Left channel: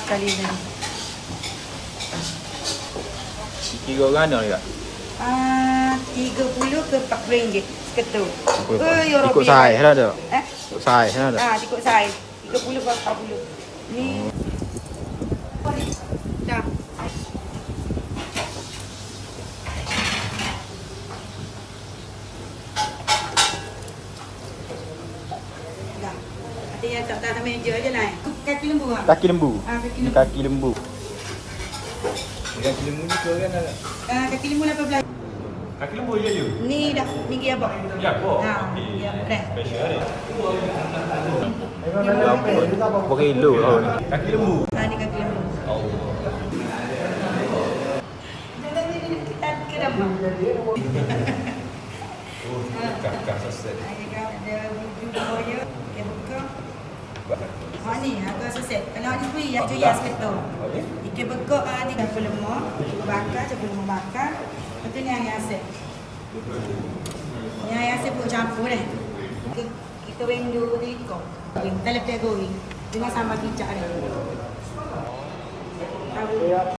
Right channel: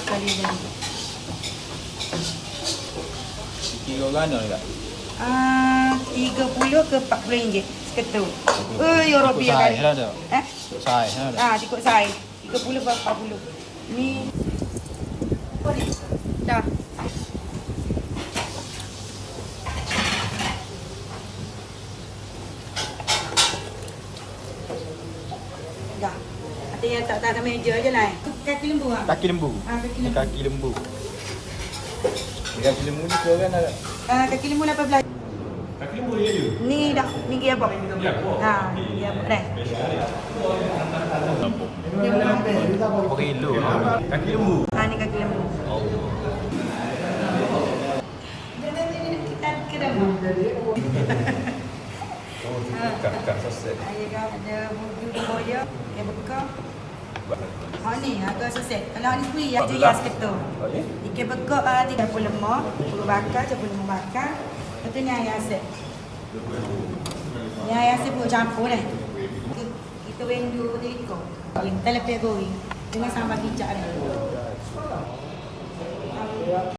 sekali ni. Tiga orang ada tak? Ah, 30 ke 40 ringgit seketul. Ikut saiz lah. Eh? Ikut saiz lah ada. Ah, ikut saiz. 30 ke 40. Ni. Dah. Dah. Tinggal tak meja je lah. Kaki lembu ah. Kaki lembu. Ah, kaki Ni lembu. kaki lembu. Kaki lembu ni kau kan ada. Ah, kaki lembu 18. Kaki lembu je je. Ni dah tinggi apa? Ya, kau. Ha, ya, dah. Berapa kilo Kaki lembu. Ha, ni kaki lembu. Oh. Kak saset. Ha ni, harga seset. Kalau ni free ya, je ya seketul. Ikan bekak ah tiga puluh lima, puluh bakar, tiga puluh lima bakar. Lepas tu ni ayam aset. Ni ayam aset pun campur dah. Kita, kita wendu tiga. Kita lepas goreng dengan sambal kicap dah.